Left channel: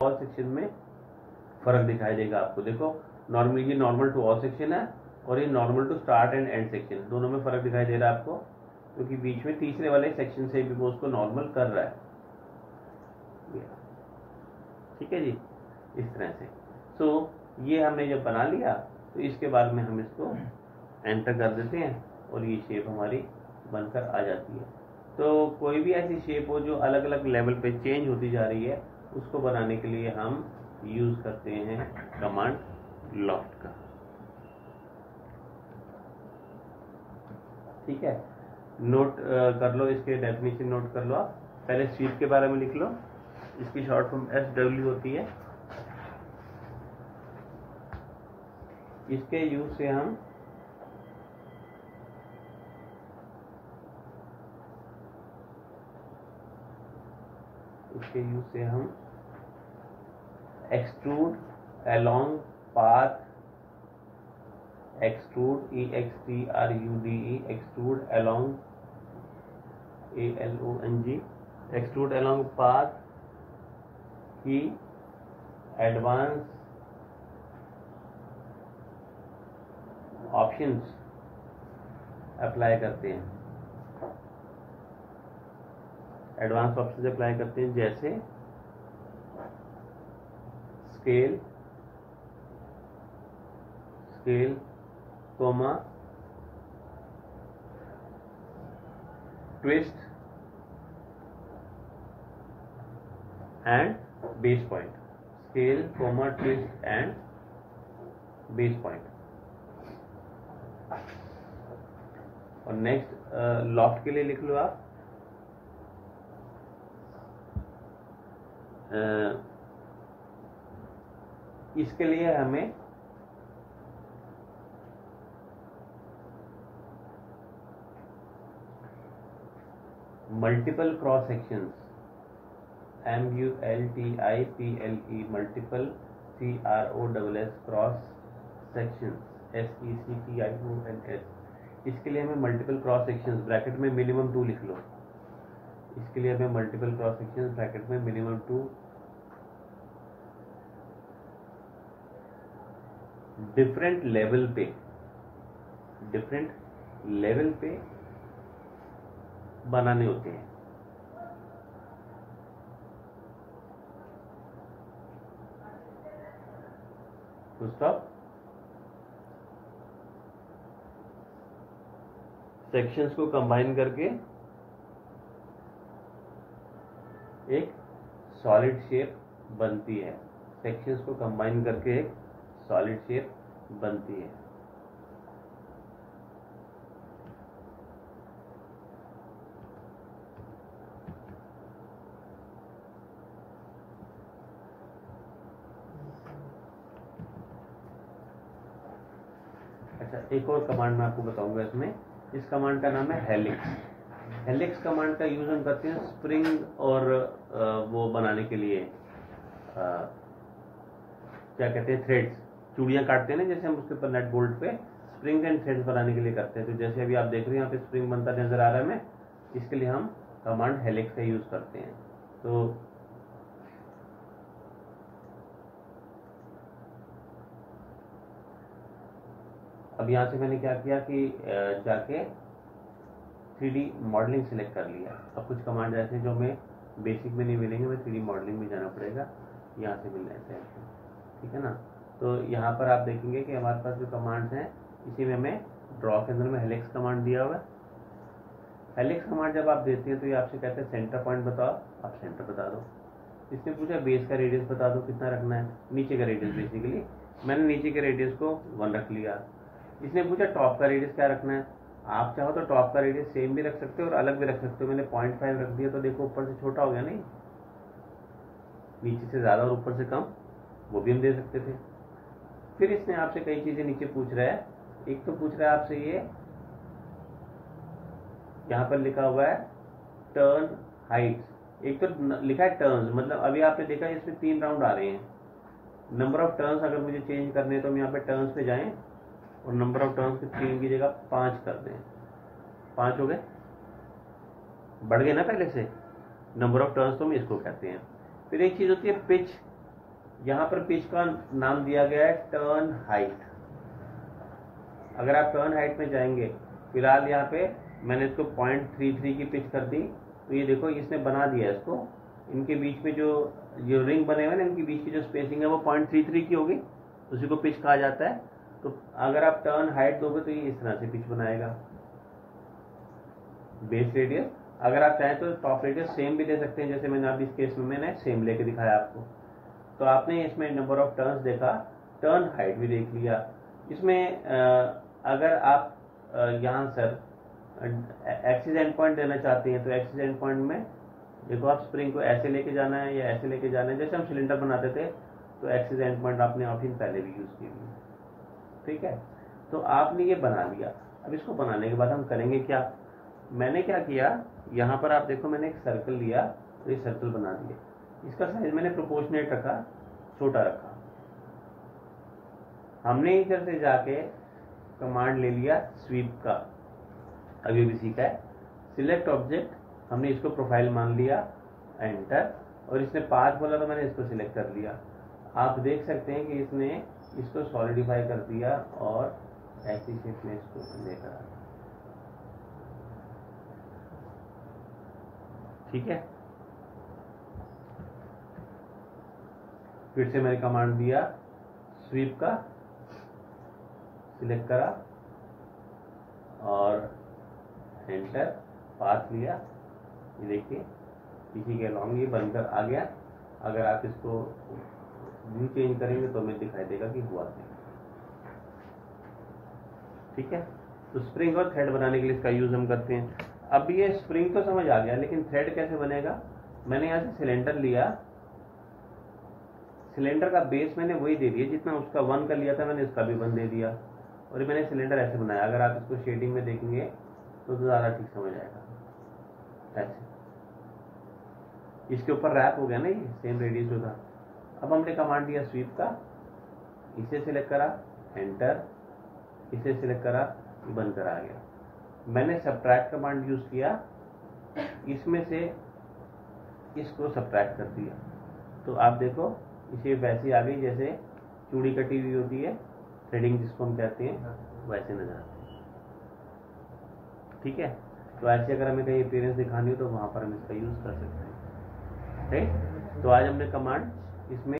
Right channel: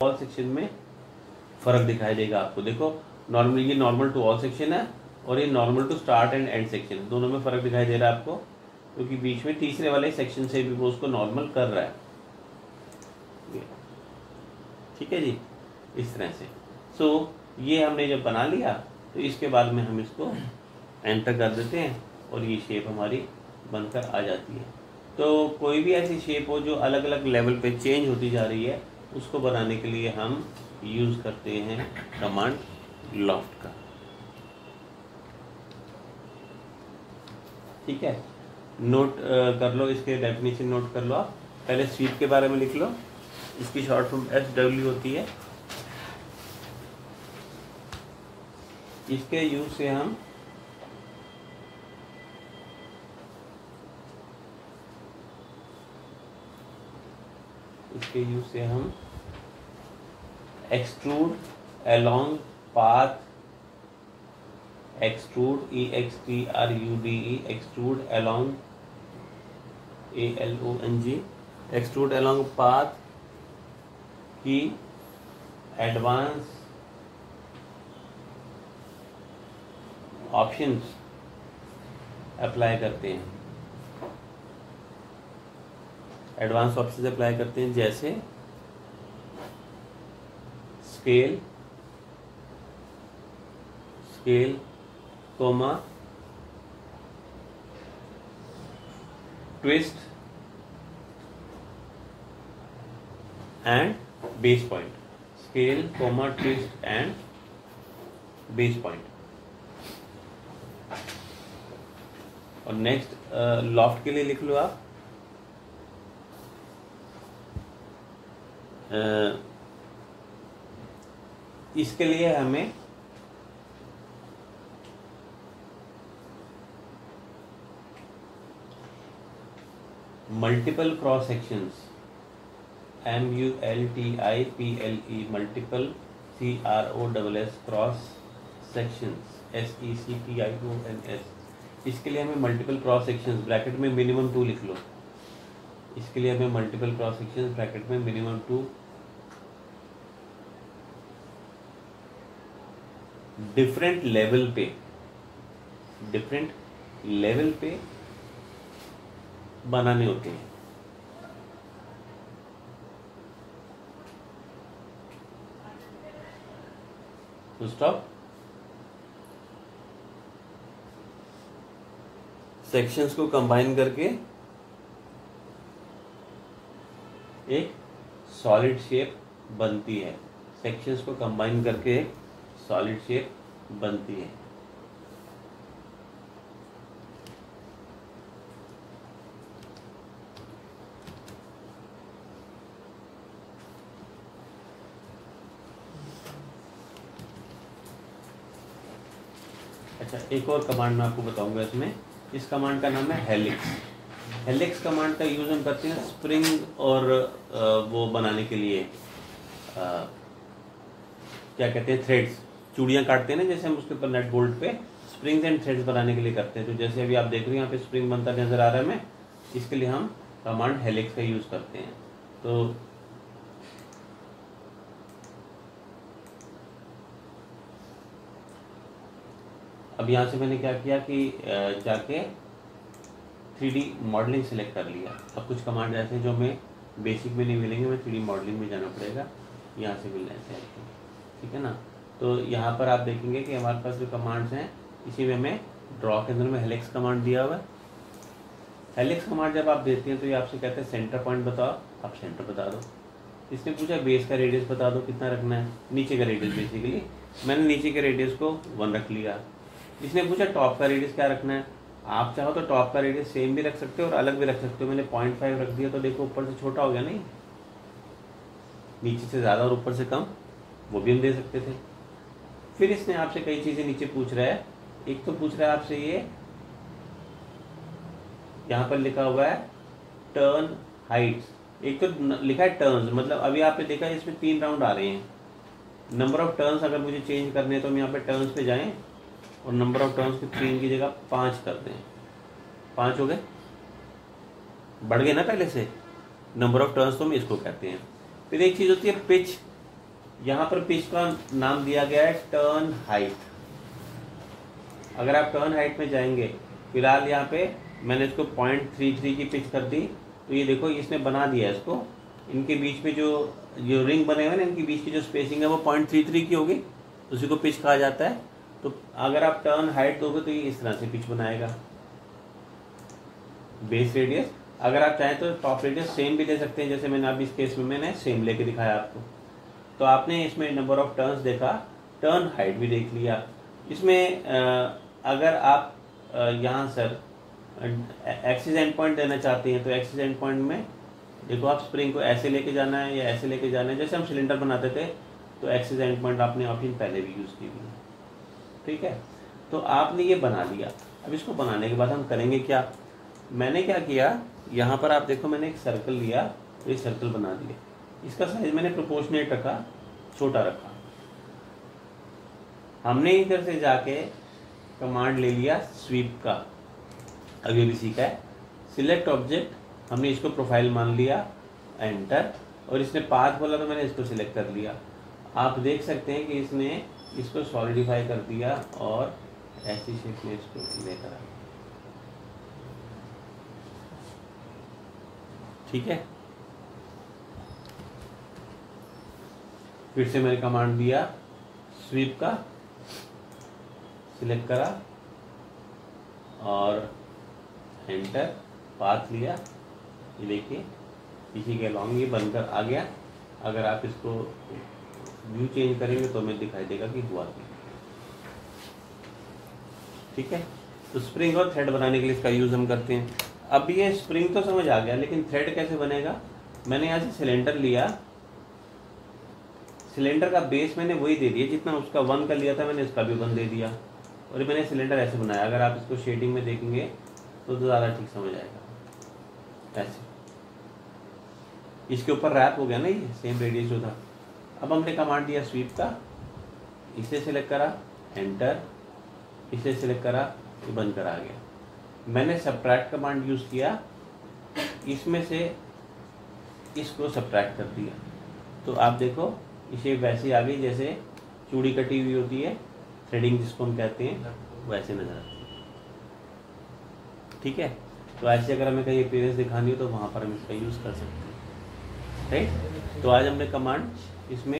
All section में फर्क दिखाई देगा आपको। देखो नॉर्मली ये नॉर्मल टू ऑल सेक्शन है और ये normal to start and end section है, दोनों में फर्क दिखाई दे रहा है आपको, क्योंकि बीच में तीसरे वाले सेक्शन से भी वो उसको नॉर्मल कर रहा है। ठीक है जी, इस तरह से। सो ये हमने जब बना लिया तो इसके बाद में हम इसको एंटर कर देते हैं और ये शेप हमारी बनकर आ जाती है। तो कोई भी ऐसी शेप हो जो अलग अलग लेवल पे चेंज होती जा रही है, उसको बनाने के लिए हम यूज करते हैं कमांड लॉफ्ट का। ठीक है, नोट कर लो, इसके डेफिनेशन नोट कर लो आप। पहले स्वीप के बारे में लिख लो, इसकी शॉर्ट फॉर्म SW होती है। इसके यूज से हम extrude along path, extrude EXTRUDE, extrude along ALONG, extrude along path की एडवांस ऑप्शंस अप्लाई करते हैं। एडवांस ऑप्शंस अप्लाई करते हैं जैसे scale, comma, twist and base point. Scale, comma, twist and base point. और नेक्स्ट लॉफ्ट के लिए लिख लो आप इसके लिए हमें multiple cross sections, MULTIPLE, multiple CROSS cross sections, SECTIONS। इसके लिए हमें मल्टीपल क्रॉस सेक्शंस ब्रैकेट में मिनिमम 2 लिख लो। इसके लिए हमें मल्टीपल क्रॉस सेक्शंस ब्रैकेट में मिनिमम 2 डिफरेंट लेवल पे बनाने होते हैं। तो स्टॉप। सेक्शंस को कंबाइन करके एक सॉलिड शेप बनती है। सेक्शंस को कंबाइन करके एक सॉलिड शेप बनती है। अच्छा, एक और कमांड मैं आपको बताऊंगा इसमें। इस कमांड का नाम है हेलिक्स। हेलिक्स कमांड का यूज हम करते हैं स्प्रिंग और वो बनाने के लिए, क्या कहते हैं, थ्रेड्स। चूड़ियाँ काटते हैं ना, जैसे हम उसके ऊपर नट बोल्ट पे स्प्रिंग्स एंड थ्रेड्स बनाने के लिए करते हैं। तो जैसे अभी आप देख रहे हैं यहाँ पे स्प्रिंग बनता नजर आ रहा है हमें, इसके लिए हम कमांड हेलिक्स का यूज करते हैं। तो अब यहाँ से मैंने क्या किया कि जाके 3D मॉडलिंग सेलेक्ट कर लिया। अब कुछ कमांड ऐसे जो हमें बेसिक में नहीं मिलेंगे, हमें 3D मॉडलिंग में जाना पड़ेगा, यहाँ से मिलना है। ठीक है ना। तो यहाँ पर आप देखेंगे कि हमारे पास जो कमांड्स हैं, इसी में हमें ड्रॉ के अंदर में हेलिक्स कमांड दिया हुआ है। हेलिक्स कमांड जब आप देते हैं तो ये आपसे कहते हैं सेंटर पॉइंट बताओ, आप सेंटर बता दो। इसने पूछा बेस का रेडियस बता दो कितना रखना है, नीचे का रेडियस। बेसिकली मैंने नीचे के रेडियस को 1 रख लिया। इसने पूछा टॉप का रेडियस क्या रखना है। आप चाहो तो टॉप का रेडियस सेम भी रख सकते हो और अलग भी रख सकते हो। मैंने 0.5 रख दिया तो देखो ऊपर से छोटा हो गया, नहीं, नीचे से ज़्यादा और ऊपर से कम, वो भी हम दे सकते थे। फिर इसने आपसे कई चीज़ें नीचे पूछ रहा है। एक तो पूछ रहा है आपसे ये, यहाँ पर लिखा हुआ है टर्न हाइट्स। एक तो लिखा है टर्न्स, मतलब अभी आपने देखा इसमें 3 राउंड आ रहे हैं। नंबर ऑफ टर्न्स अगर मुझे चेंज करने हैं तो हम यहाँ पे टर्न्स पे जाएं और नंबर ऑफ टर्न्स को 3 की जगह 5 कर दें। 5 हो गए, बढ़ गए ना पहले से। नंबर ऑफ टर्न्स तो हम इसको कहते हैं। फिर एक चीज़ होती है पिच। यहाँ पर पिच का नाम दिया गया है टर्न हाइट। अगर आप टर्न हाइट में जाएंगे, फिलहाल यहाँ पे मैंने इसको 0.33 की पिच कर दी, तो ये देखो इसने बना दिया इसको, इनके बीच में जो जो रिंग बने हुए ना, इनके बीच की जो स्पेसिंग है वो 0.33 की होगी, उसी को पिच कहा जाता है। तो अगर आप टर्न हाइट दोगे तो ये इस तरह से पिच बनाएगा। बेस रेडियस, अगर आप चाहें तो टॉप रेडियस सेम भी ले सकते हैं, जैसे मैंने अभी इस केस में मैंने सेम लेके दिखाया आपको। तो आपने इसमें नंबर ऑफ टर्न्स देखा, टर्न हाइट भी देख लिया। इसमें अगर आप यहाँ सर एक्सिस एंड पॉइंट देना चाहते हैं, तो एक्सिस एंड पॉइंट में देखो आप स्प्रिंग को ऐसे लेके जाना है या ऐसे लेके जाना है, जैसे हम सिलेंडर बनाते थे, तो एक्सिस एंड पॉइंट आपने ऑप्शन पहले भी यूज़ की हुई है। ठीक है, तो आपने ये बना लिया। अब इसको बनाने के बाद हम करेंगे क्या, मैंने क्या किया, यहाँ पर आप देखो मैंने एक सर्कल लिया, तो ये सर्कल बना दिया। इसका साइज मैंने प्रोपोर्शनेट रखा, छोटा रखा। हमने इधर से जाके कमांड ले लिया स्वीप का, अभी भी सीखा है। सिलेक्ट ऑब्जेक्ट, हमने इसको प्रोफाइल मान लिया, एंटर, और इसने पाथ बोला तो मैंने इसको सिलेक्ट कर लिया। आप देख सकते हैं कि इसने इसको सॉलिडिफाई कर दिया और ऐसी शेप में इसको लेकर आ। ठीक है, फिर से मैंने कमांड दिया स्वीप का, सिलेक्ट करा और एंटर, पाथ लिया, ये देखिए इसी के अलॉन्ग ये बनकर आ गया। अगर आप इसको व्यू चेंज करेंगे तो हमें दिखाई देगा कि हुआ क्या। ठीक है, तो स्प्रिंग और थ्रेड बनाने के लिए इसका यूज हम करते हैं। अब ये स्प्रिंग तो समझ आ गया, लेकिन थ्रेड कैसे बनेगा। मैंने यहाँ से सिलेंडर लिया, सिलेंडर का बेस मैंने वही दे दिया जितना उसका 1 का लिया था, मैंने इसका भी 1 दे दिया, और मैंने सिलेंडर ऐसे बनाया। अगर आप इसको शेडिंग में देखेंगे तो ज़्यादा ठीक समझ आएगा। ऐसे इसके ऊपर रैप हो गया ना, ये सेम रेडियस जो था। अब हमने कमांड दिया स्वीप का, इसे सिलेक्ट करा, एंटर, इसे सिलेक्ट करा, ये बनकर आ गया। मैंने सब्ट्रैक्ट कमांड यूज़ किया, इसमें से इसको सब्ट्रैक्ट कर दिया, तो आप देखो इसे वैसे आ गई जैसे चूड़ी कटी हुई होती है, थ्रेडिंग जिसको हम कहते हैं, वैसे नजर आती है। ठीक है, तो ऐसे अगर हमें कहीं अपीयरेंस दिखानी हो तो वहाँ पर हम इसका यूज़ कर सकते हैं। राइट, तो आज हमने कमांड इसमें